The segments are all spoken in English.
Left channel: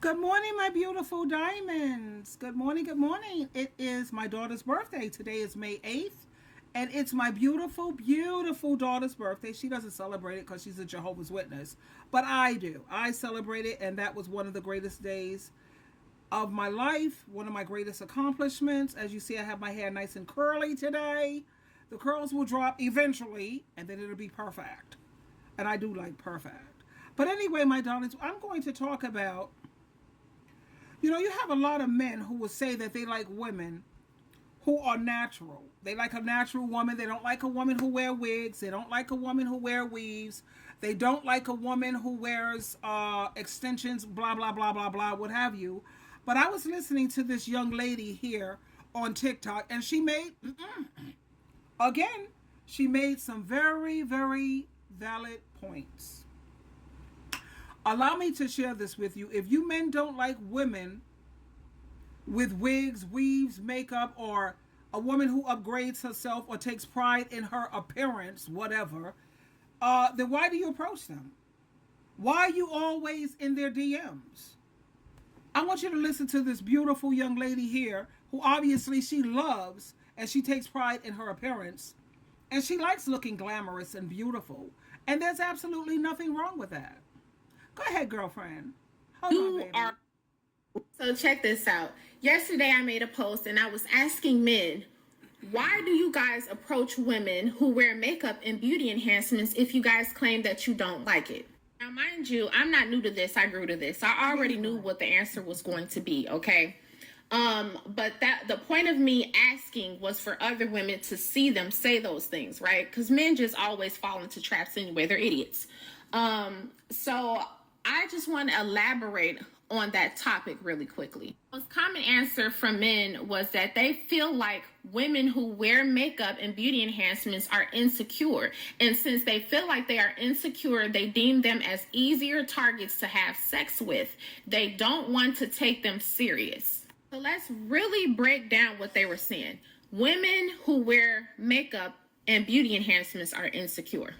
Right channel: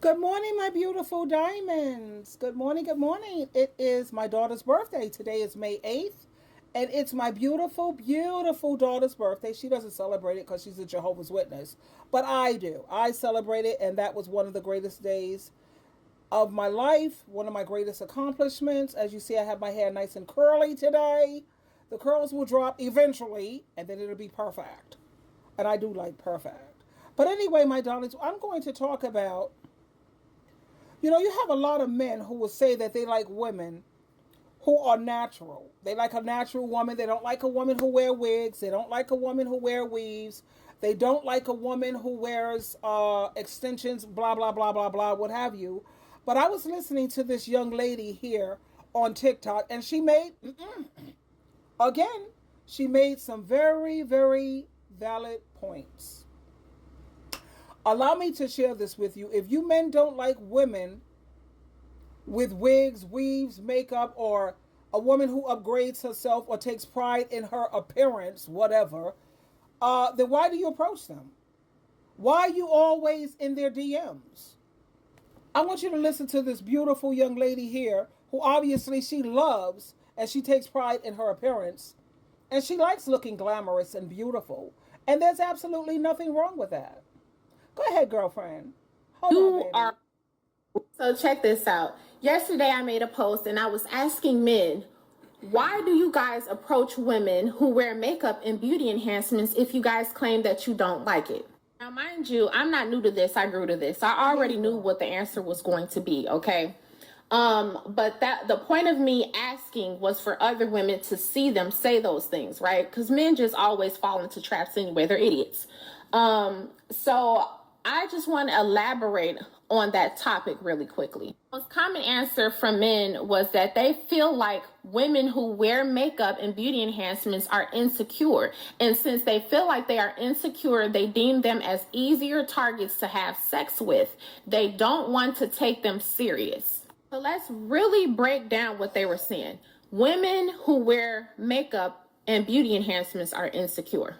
Good morning, my beautiful diamonds. Good morning, good morning. It is my daughter's birthday. Today is May 8th, and it's my beautiful, beautiful daughter's birthday. She doesn't celebrate it because she's a Jehovah's Witness, but I do. I celebrate it, and that was one of the greatest days of my life, one of my greatest accomplishments. As you see, I have my hair nice and curly today. The curls will drop eventually, and then it'll be perfect. And I do like perfect. But anyway, my darlings, I'm going to talk about you have a lot of men who will say that they like women who are natural. They like a natural woman. They don't like a woman who wear wigs. They don't like a woman who wear weaves. They don't like a woman who wears extensions, blah, blah, blah, blah, blah, what have you. But I was listening to this young lady here on TikTok, and she made, again, she made some very, very valid points. Allow me to share this with you. If you men don't like women with wigs, weaves, makeup, or a woman who upgrades herself or takes pride in her appearance, whatever, then why do you approach them? Why are you always in their DMs? I want you to listen to this beautiful young lady here who obviously she loves and she takes pride in her appearance and she likes looking glamorous and beautiful. And there's absolutely nothing wrong with that. Go ahead, girlfriend. You are. So check this out. Yesterday I made a post and I was asking men, why do you guys approach women who wear makeup and beauty enhancements if you guys claim that you don't like it? Now, mind you, I'm not new to this. I grew to this. I already knew what the answer was going to be, okay? But that the point of me asking was for other women to see them say those things, right? Because men just always fall into traps anyway. They're idiots. So I just want to elaborate on that topic really quickly. The most common answer from men was that they feel like women who wear makeup and beauty enhancements are insecure. And since they feel like they are insecure, they deem them as easier targets to have sex with. They don't want to take them serious. So let's really break down what they were saying. Women who wear makeup and beauty enhancements are insecure.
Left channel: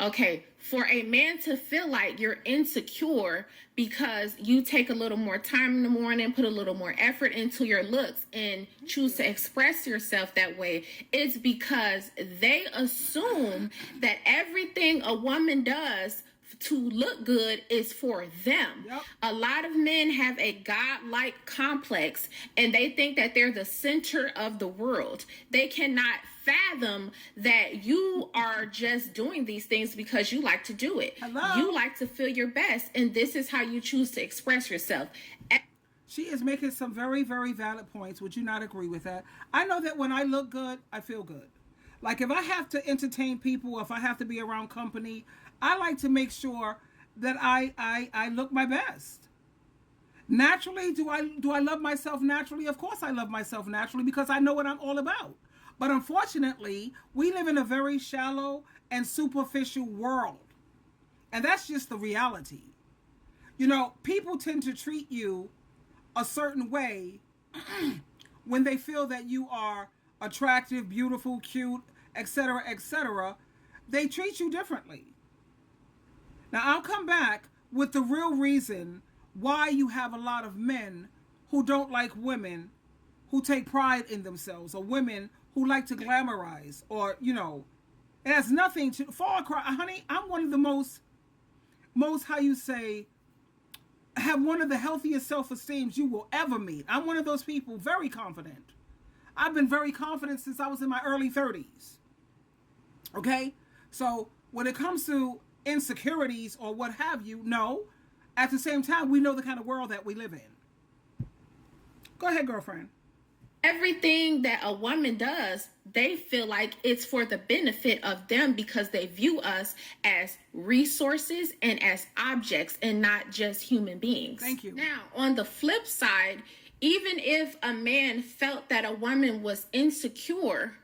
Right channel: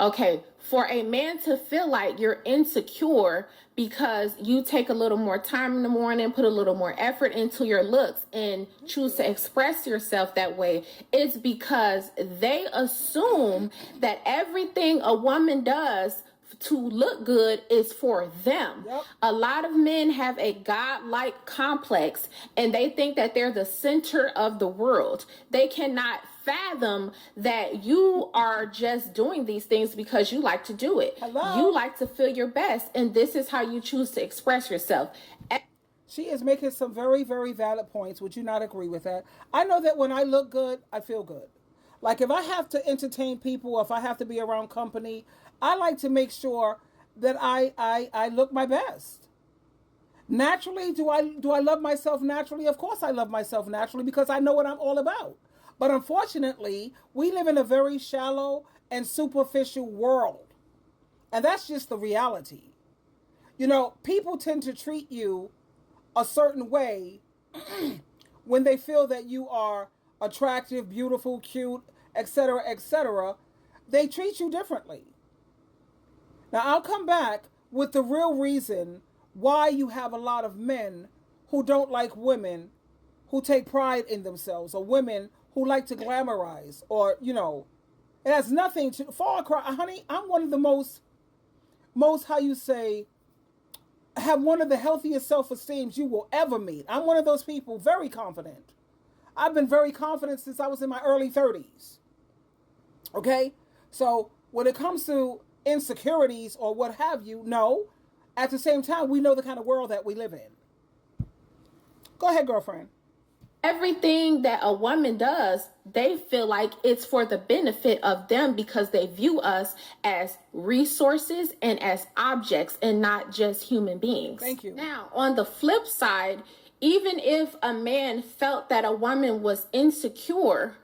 Okay, for a man to feel like you're insecure because you take a little more time in the morning, put a little more effort into your looks and choose to express yourself that way, it's because they assume that everything a woman does to look good is for them. Yep. A lot of men have a godlike complex and they think that they're the center of the world. They cannot fathom that you are just doing these things because you like to do it. Hello? You like to feel your best, and this is how you choose to express yourself. She is making some very, very valid points. Would you not agree with that? I know that when I look good, I feel good. Like if I have to entertain people, if I have to be around company, I like to make sure that I look my best. Naturally, do I love myself naturally? Of course I love myself naturally because I know what I'm all about. But unfortunately, we live in a very shallow and superficial world. And that's just the reality. You know, people tend to treat you a certain way when they feel that you are attractive, beautiful, cute, etc., etc. They treat you differently. Now, I'll come back with the real reason why you have a lot of men who don't like women who take pride in themselves, or women who like to glamorize, or, it has nothing to fall across. Honey, I'm one of the most, how you say, have one of the healthiest self-esteems you will ever meet. I'm one of those people, very confident. I've been very confident since I was in my early 30s. Okay? So when it comes to insecurities or what have you, no. At the same time, we know the kind of world that we live in. Go ahead, girlfriend. Everything that a woman does, they feel like it's for the benefit of them because they view us as resources and as objects and not just human beings. Thank you. Now, on the flip side, even if a man felt that a woman was insecure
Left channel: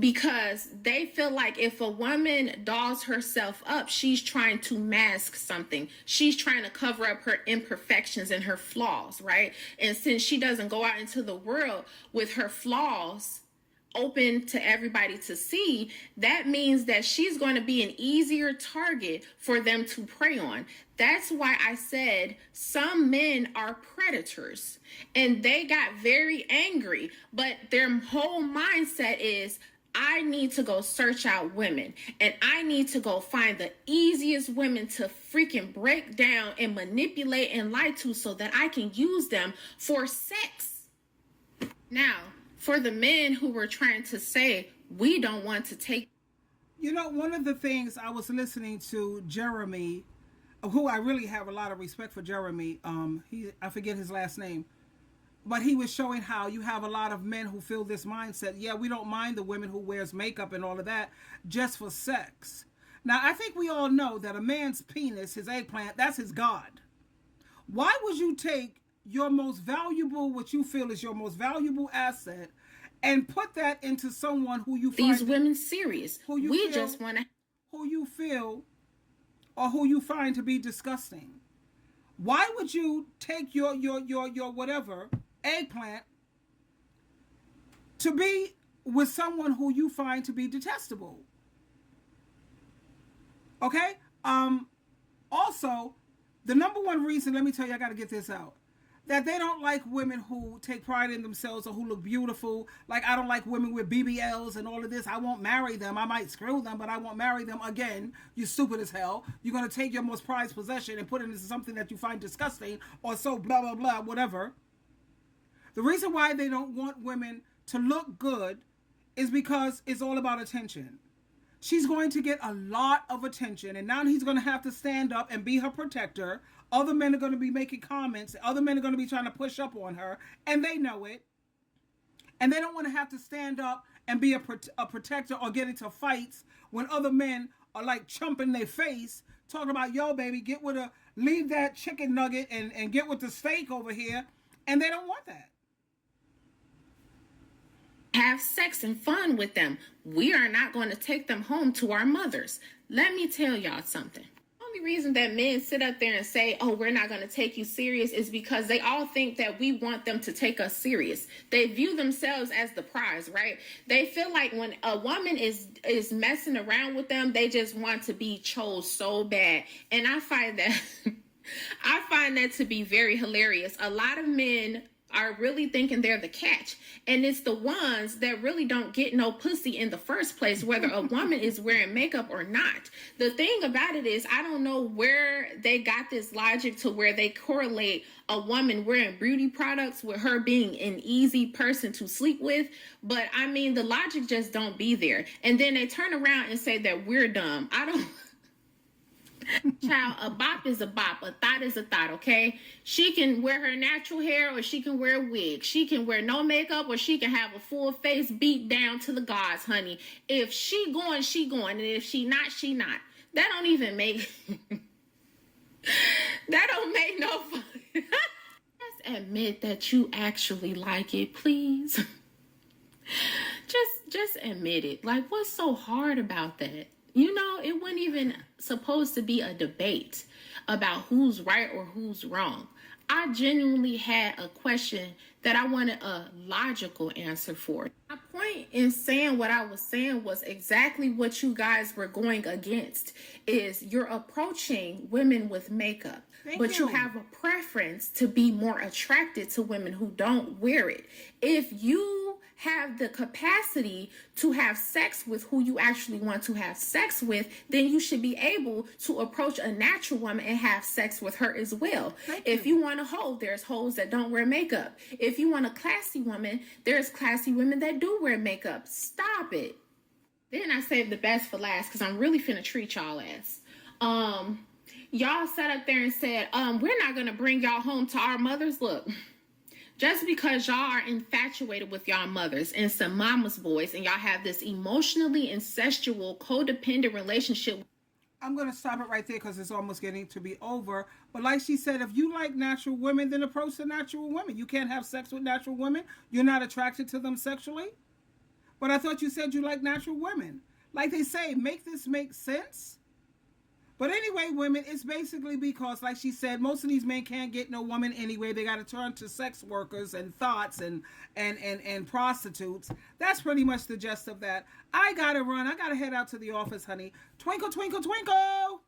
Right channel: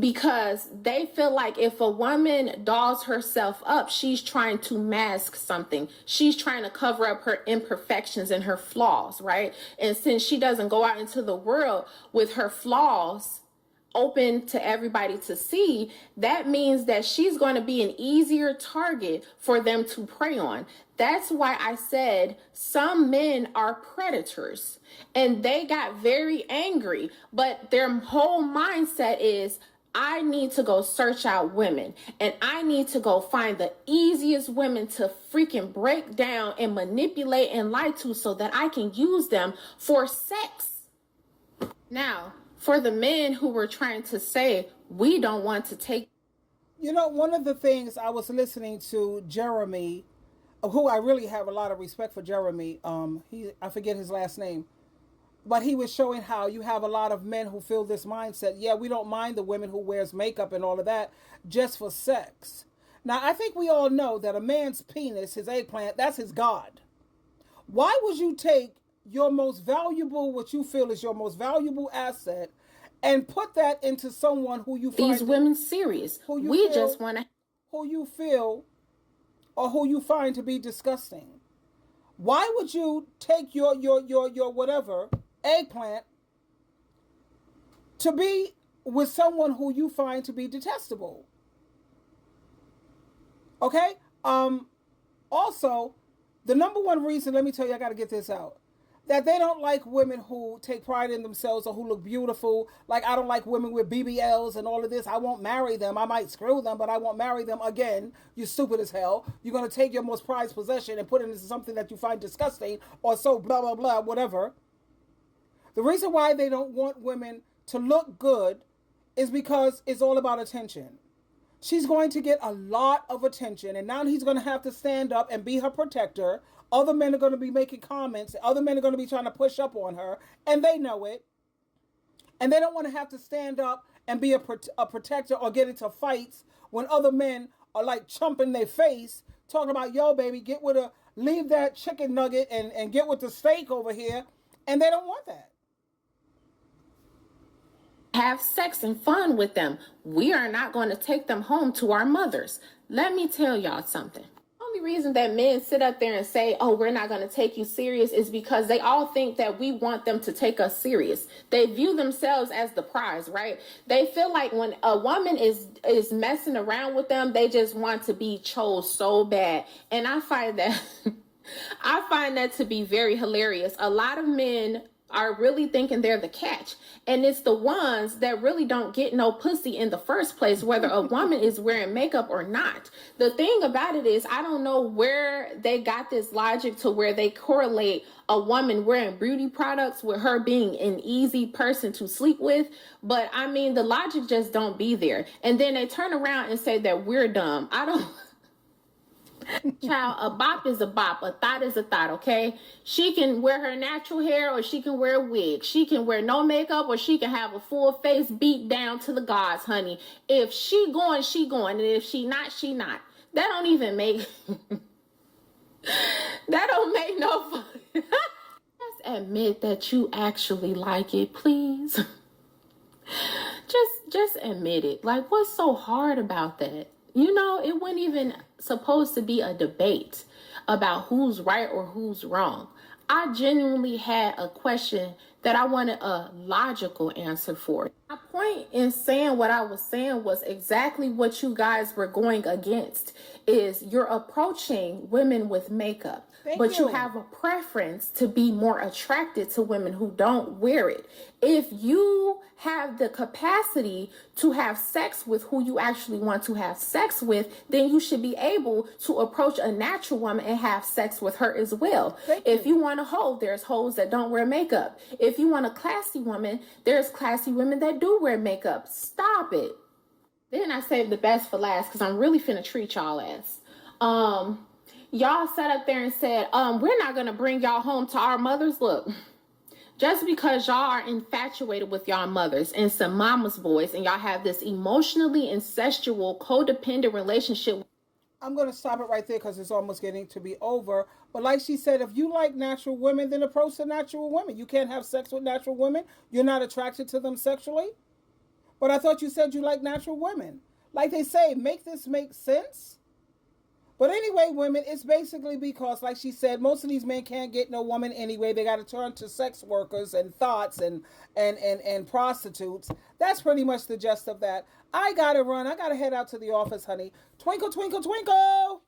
because they feel like if a woman dolls herself up, she's trying to mask something. She's trying to cover up her imperfections and her flaws, right? And since she doesn't go out into the world with her flaws open to everybody to see, that means that she's going to be an easier target for them to prey on. That's why I said some men are predators and they got very angry, but their whole mindset is I need to go search out women and I need to go find the easiest women to freaking break down and manipulate and lie to so that I can use them for sex. Now, for the men who were trying to say we don't want to take. You know, one of the things I was listening to Jeremy, who I really have a lot of respect for Jeremy. I forget his last name, but he was showing how you have a lot of men who feel this mindset. Yeah, we don't mind the women who wears makeup and all of that just for sex. Now, I think we all know that a man's penis, his eggplant, that's his God. Why would you take your most valuable, what you feel is your most valuable asset, and put that into someone who you find these women serious? We just want to, who you feel or who you find to be disgusting. Why would you take your whatever eggplant to be with someone who you find to be detestable? Okay? Also, the number one reason, let me tell you, I got to get this out, that they don't like women who take pride in themselves or who look beautiful. Like, I don't like women with BBLs and all of this. I won't marry them. I might screw them, but I won't marry them. Again, you're stupid as hell. You're going to take your most prized possession and put it into something that you find disgusting or so blah, blah, blah, whatever. The reason why they don't want women to look good is because it's all about attention. She's going to get a lot of attention, and now he's going to have to stand up and be her protector. Other men are going to be making comments. Other men are going to be trying to push up on her, and they know it. And they don't want to have to stand up and be a protector or get into fights when other men are like chumping their face, talking about, yo, baby, leave that chicken nugget and get with the steak over here. And they don't want that. Have sex and fun with them. We are not going to take them home to our mothers. Let me tell y'all something. The only reason that men sit up there and say, oh, we're not going to take you serious is because they all think that we want them to take us serious. They view themselves as the prize, right? They feel like when a woman is messing around with them, they just want to be chose so bad. And I find that to be very hilarious. A lot of men are really thinking they're the catch. And it's the ones that really don't get no pussy in the first place, whether a woman is wearing makeup or not. The thing about it is, I don't know where they got this logic to where they correlate a woman wearing beauty products with her being an easy person to sleep with. But I mean, the logic just don't be there. And then they turn around and say that we're dumb. I don't... Child, a bop is a bop, a thought is a thought, okay? She can wear her natural hair or she can wear a wig. She can wear no makeup or she can have a full face beat down to the gods, honey. If she going, she going. And if she not, she not. That don't even make... that don't make no fun. Just admit that you actually like it, please. Just admit it. Like, what's so hard about that? You know, it wasn't even supposed to be a debate about who's right or who's wrong. I genuinely had a question that I wanted a logical answer for. My point in saying what I was saying was exactly what you guys were going against, is you're approaching women with makeup. But you have a preference to be more attracted to women who don't wear it. If you have the capacity to have sex with who you actually want to have sex with, then you should be able to approach a natural woman and have sex with her as well. If you want a hoe, there's hoes that don't wear makeup. If you want a classy woman, there's classy women that do wear makeup. Stop it. Then I saved the best for last because I'm really finna treat y'all ass. Y'all sat up there and said, we're not going to bring y'all home to our mothers. Look, just because y'all are infatuated with y'all mothers and some mama's boys and y'all have this emotionally incestual, codependent relationship. I'm going to stop it right there because it's almost getting to be over. But like she said, if you like natural women, then approach the natural women. You can't have sex with natural women. You're not attracted to them sexually. But I thought you said you like natural women. Like they say, make this make sense. But anyway, women, it's basically because, like she said, most of these men can't get no woman anyway. They got to turn to sex workers and thoughts and prostitutes. That's pretty much the gist of that. I got to run. I got to head out to the office, honey. Twinkle, twinkle, twinkle.